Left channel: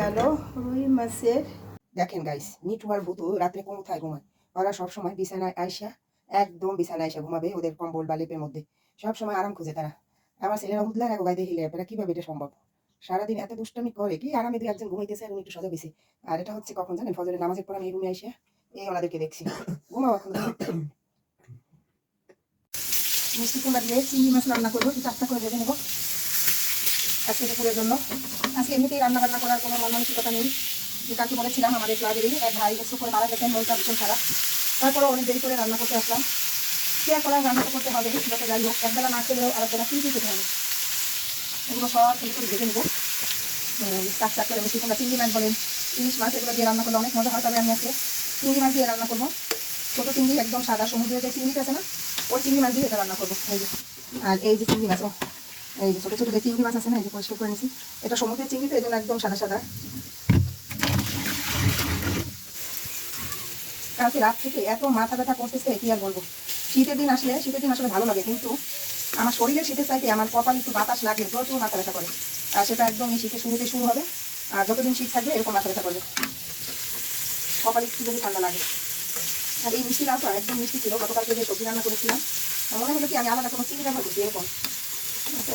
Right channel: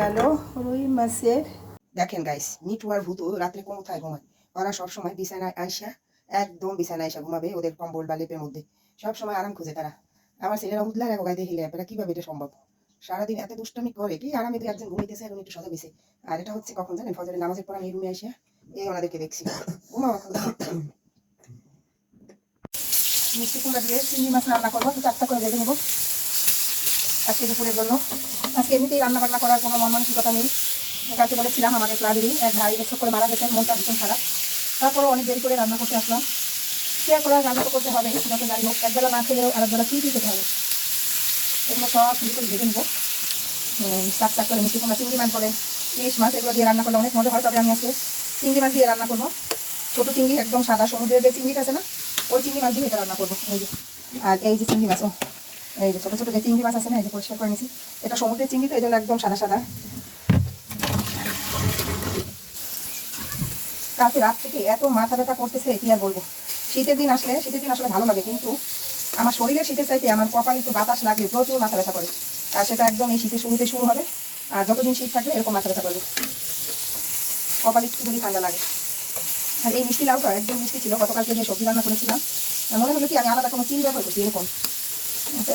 গেল রুই মাছের। দেখেন গাইস, নিটু আর ভূতু রাত্রে কোথায় ঘুমায়? ওরা সবসময় বিছানায় আইসা, একদম বিছানায় আইসা ঘুমাবে ওদের কম্বল বা লেপের মধ্যে। সবসময় আরাম খুঁজে তারা। আমার ছেলেরা উঠলে এক গায়ে দেখিলে আপনারা কিভাবে এটা সম্ভব? সারাদিন এত দুষ্টামি করে কি আরামে দিয়ে একজন ঘুমাইতেছে এবং একটু সোজা বেশি। আর এটা হচ্ছে কখন জানেন? ফজরের নামাজের পর আমি এই রুমে আইসা এই ওনাদেরকে দেখছি ঘুমাও এখন। মিষ্টি কুমড়া দিয়ে চিংড়ি মাছ রান্না করবো, তো 4টা করে ভেজে নেবো আজকে দুপুরের জন্য। আজকে এমনিতেই রান্না বান্না করার কোনো মনমানসিকতা নেই। যে কাছে বলেছিলাম আমাদের ক্লাবেরই এক ভাই এসব করে মারা গেছেন, মনটা ভীষণ খারাপ। তারপরে অনেক দেরি করে রান্না করতে আসলাম। শেয়ার করে রান্না তো করতে হবে, সেটাকে যাই হোক একবেলা না খেলেও আরেকবেলা ফ্রি খেতে হবে। এগুলো সব ফ্রি করে ভেজে নেবো। চাক চাক করে মিষ্টি কুমড়া, চিংড়ি মাছ বলেন, ইলিশ মাছ, এগুলো দিয়ে রান্না করলে অনেক মজা হয়। তবে আমি আজকে চিংড়ি মাছ দিয়ে রান্না করবো। ছোটো চিংড়ি, একদম সাদা সমুদ্রের যে চিংড়িটা আছে না, ওই চিংড়ি মাছ দিয়ে এটা রান্না করবো। এই যে, আর এই যে চিংড়ি মাছ, এই যে ছোটো ছোটো যে চিংড়ি মাছ আছে না, এই যে পরিষ্কার করে নিয়েছি। এটা সমুদ্রের চিংড়ি, তো এই জন্য একদম সাদা সাদা। কালকে রাত থেকে এত মাথা ব্যথা করতেছে কি আর বলবো। শীতের দিন আসলে ভালো লাগে, কিন্তু আমার শরীরের শীতের চাইতে আমার কপালে একটু বাতাস লাগলে প্রচুর মাথা ব্যথা করে। আর সেটা একদম এই শীতের শুরুতে শুরু হবে, আর যতদিন শীত থাকবে এরকম মাথা ব্যথা করবে, কপালে একটু যদি ঠান্ডা লাগে। আর এই মিষ্টি লাউটা একদম মিষ্টি ছিল। গতকালকে যে সবজি রান্না করেছিলাম, মনে হলো কি আমি আলাদা কোনো চিংড়ি ব্যবহার করছি এরকম।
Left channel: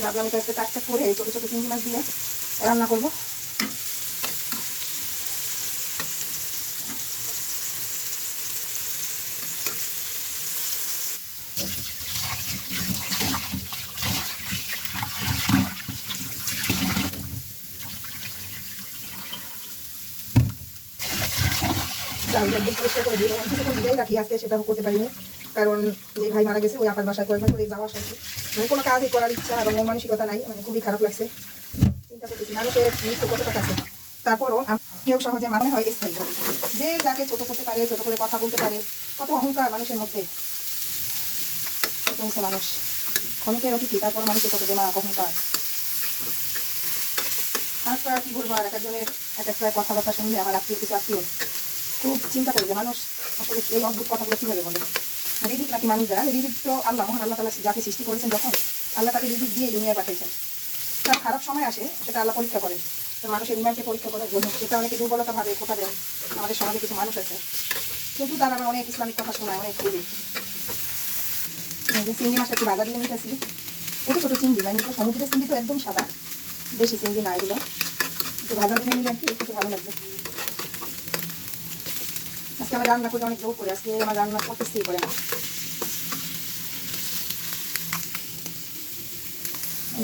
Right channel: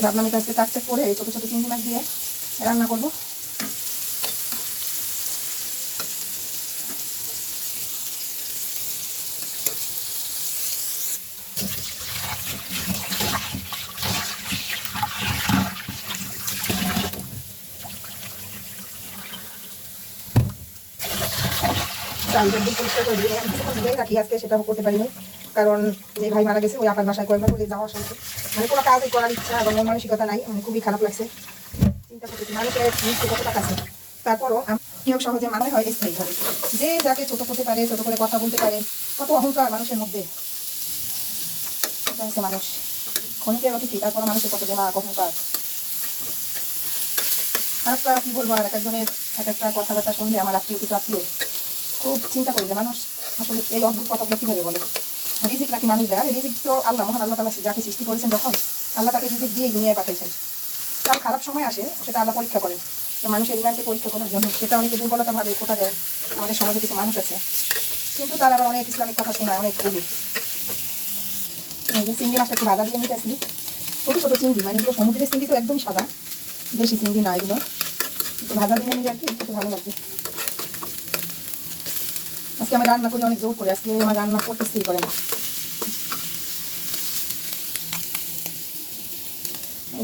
ভাবলাম এটা একটু চাকচাক করে এই ছোটো ছোটো চিংড়ি মাছ দিয়ে রান্না করবো। সেটাও করতে পারিনি, কারণ যে ভাই মারা গেছে ওই আপার বাসায় কয়েকবার করে যাওয়া আসা, মানে কোনো কাজই করার ইচ্ছা এবং মন মানসিকতা নাই। মানে খুবই খারাপ লাগছে। চিন্তা করতেছি মানুষের কত টাকা আছে, তারপরও কেউ সহজে মানে হয় স্থায়ী হবে। যে যাকে ছোট করতে পারে, ছোট করে কথা বলতে পারে, কত অহংকার মানুষের মধ্যে। হচ্ছে মানুষ ক্ষণিকের অতিথি, তারপরও মানুষের কত গুণা অহংকার। আরেকটা কি বলবো, আর এক একজনের এক একটা কথাবার্তা শুনলে আমার আত্মীয় খুব চিন্তা করি যে মানুষ আসলে এই অদ্ভুত কথাগুলো কিভাবে বলে। রিজিক নাকি মানুষ দেয়? রিজিক তো আল্লাহ, মহান আল্লাহ তাআলা যাকে সৃষ্টি করেছেন যখন, আল্লাহ তাকে রিজিক দিয়ে দুনিয়ায় পাঠিয়েছেন। তার খারাপ সময় আসে, সেটা আল্লাহ পরীক্ষা করেন। তো মানুষের ইমানকে পরীক্ষা করার জন্য সেটা অনেকে দুর্বলতা ভাবে কোথা দেয়। আমাদের সমাজে কিছু মানুষ আছে, কিন্তু তারা আবার অনেক ইসলামিক কথা শোনায়, অনেক দেরি। চিংড়ি মাছটা একটু ভাজা দিয়ে নিতেছি। ছোটো ছোটো চিংড়ি, মানে এগুলো সমুদ্রের চিংড়ি তো একদম সাদা, বেশি চিংড়ি না, এগুলো একটু ভাজা দিয়ে নিলে আর কি একটু ভালো লাগবে। আজকে আমি রান্না করে অনেক জোর করে, আজকে আমার রান্না করতেই করে না।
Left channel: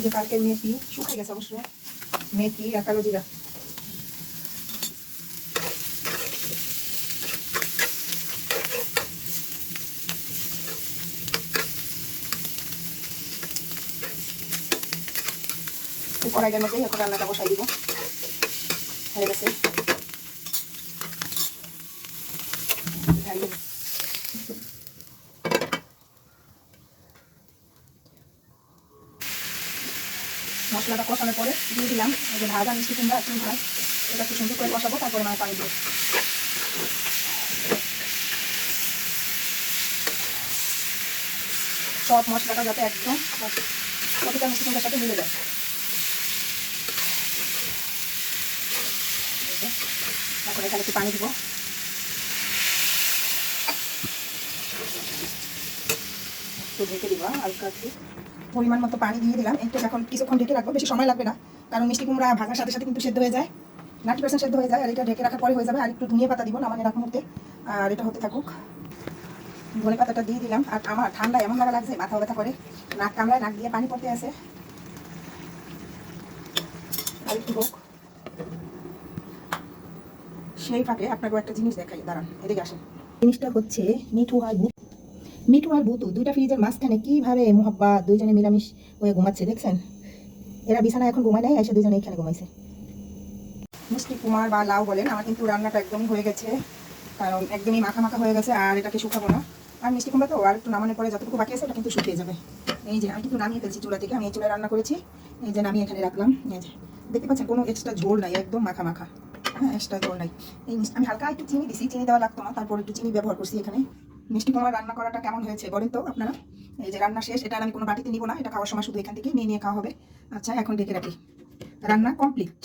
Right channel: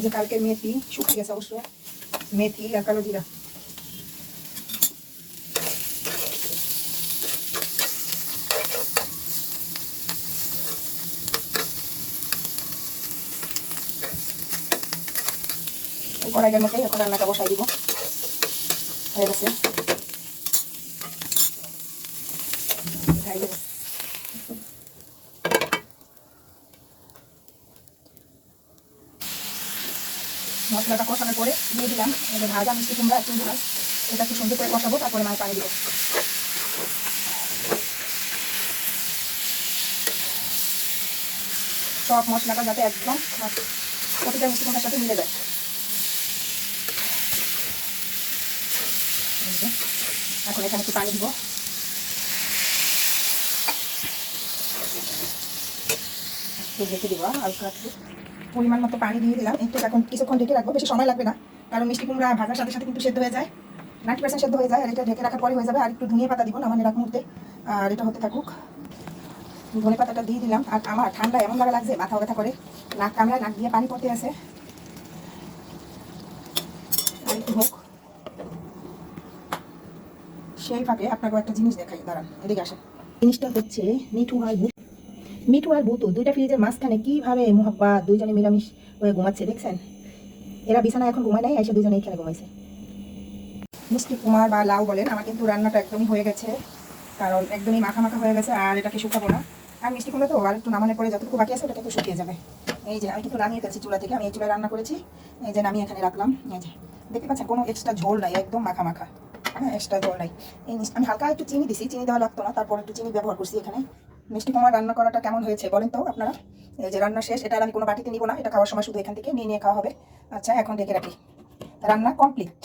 যে কালকে মেথি শুকিয়ে গেছে অবশ্যই, মেথি আর কালো জিরা। কড়াইয়ের মধ্যে এখন রান্নাটা বসাই দিব। হয়ে গেছে, মশলাটা কষানোর পরে দিয়ে দিলাম ভাজা মিষ্টি কুমড়া আর চিংড়ি মাছ। এটা একটু সুন্দর করে কষাবো, তারপরে মাছ পানি দিব। সব মশলাটা যাতে একদম প্রতিটা মিষ্টি কুমড়ার সাথে মিলে যায়। এখন এখানে একটু পানি দিব। ঢেকে দিব আর পরিমাণ মতো পানি দিয়ে দিলাম। একটু এখন কিছুক্ষণ ঢেকে রাখবো, বেশি সময় লাগবে না, কারণ মিষ্টি কুমড়া ভাজার সাথে সাথে কিন্তু সেদ্ধ হয়ে যায়, 90% সেদ্ধ হয়ে যায়। আর এটা ঢেকে রাখার পরে হয়ে যাবে। আর একটু ধনিয়া পাতা দিব নামানোর আগ মুহূর্তে, আর এটা হতে থাকুক। ধনে পাতাটা দিয়ে দিলাম। আর আমার ঠান্ডা এমন ভাবে লাগছে, মাথা ব্যথা করে, নাক কামড়ায়, নাক দিয়ে পানি পড়তে আছে। আর একটু হোক, সেই ফাঁকে আপনাকে একটা জিনিস দেখাই, দাঁড়ান এদিকে আসেন। জিনিসটা হচ্ছে মিঠু আর বুতু দুইটা ফ্রিজের মাঝখানে কিভাবে মোহাব্বত, দুইজনে মিলামিশ হয়ে ঘুমাচ্ছে দেখছেন। এরা বিছানা এখন ঘুমায় নাই, এসে দুজনে এখানে ঘুমাইছে। মিষ্টি কুমার বা লাউ বলেন, আমার কিন্তু রান্নাটা একদমই হয়ে গেছে, কারণ একদমই মাখা মাখা হয়ে গেছে। আর এটাকে শুকাবো না। আর মিষ্টি কুমড়া তো আর একটু নামানোর পরে যতটুকু বাকি আছে ওটা কিন্তু শুকিয়ে যাবে। এই যে আমি কিন্তু নামিয়ে ফেলছি চুলা থেকে, আমি এই চুলায় রান্না করেছি। এই যে নামিয়ে এখানে রাখলাম। এই যে দেখতে পাচ্ছেন কোনো এক্সট্রা ঝোল নাই, একদম মাখা মাখা, হ্যাঁ এক্সট্রা ঝোল নাই। এই আমি হালকা একটু চিনি দিছি, চিনি দেওয়া লাগতো না, তারপর একটু চিনি ব্যবহার করছি এখানে। মিষ্টি কুমড়া রান্না করাটা কেমন হয়েছে বলেন তো আপনারা। এই যে রান্না শেষ, এটা আমি কোনো বাটিতে নিব না, এটা খাওয়ার সময় শুধু এখান থেকে নিয়ে নিয়ে খাওয়া হবে। আচ্ছা এখন ডেকে রাখি, রান্না কমপ্লিট।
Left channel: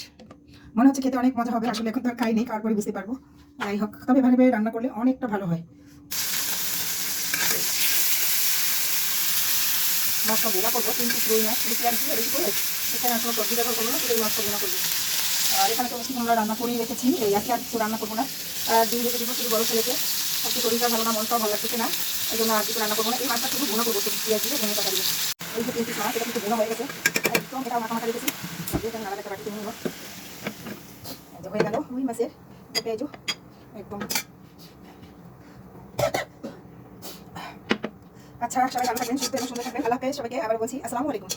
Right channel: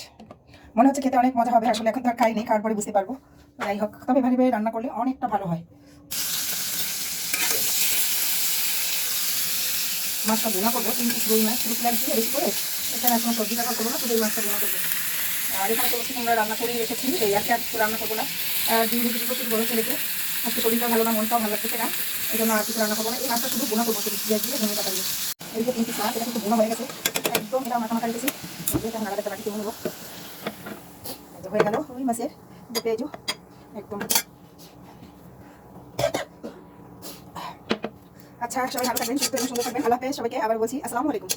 মনে হচ্ছে খেতে অনেক মজা হবে, আসলে এখন তো আর খাইনি, খাওয়ার পরে বুঝতে পারবো। যাই হোক, তবে এভাবে রান্না করলে অনেকটা ভালো হয়। মাছটা ভুনা করবো, 3 পিস রুই মাছ, শুধু পেঁয়াজ দিয়ে রেডি করে এখানে আর কোনো সবজি ব্যবহার করবো না, শুধু এই মাছটা ভুনা করবো। আর এখানে তো আমরা রান্না করে রেখেছি, এই আর কিছু রান্না করবো না। আর দিন দুটো প্রচুর গরম ফেলেছে, আজকে শরীরটা ভালো না, মনটাও ভালো লাগতেছে না, এই জন্য আর কিছু রান্না করবো না। এই মাছটা শুধু ভুনা করবো, শুধু পেঁয়াজ দিয়ে ধনে পাতা দিয়ে। এই যে 3 পিস মাছ, এটা কিন্তু ভুনা হয়ে গেছে একদম, এটা মাথা মাথা রেখেছি, এটা নাড়া একটা বাটিতে নেবো। হয়ে গেল রুই মাছের পেঁয়াজ একদম। আচ্ছা, সবাই ভালো থাকবেন, সুস্থ এবং সুন্দর থাকবেন। আল্লাহ হাফেজ সবাইকে, আবার বলছি আসসালামু আলাইকুম।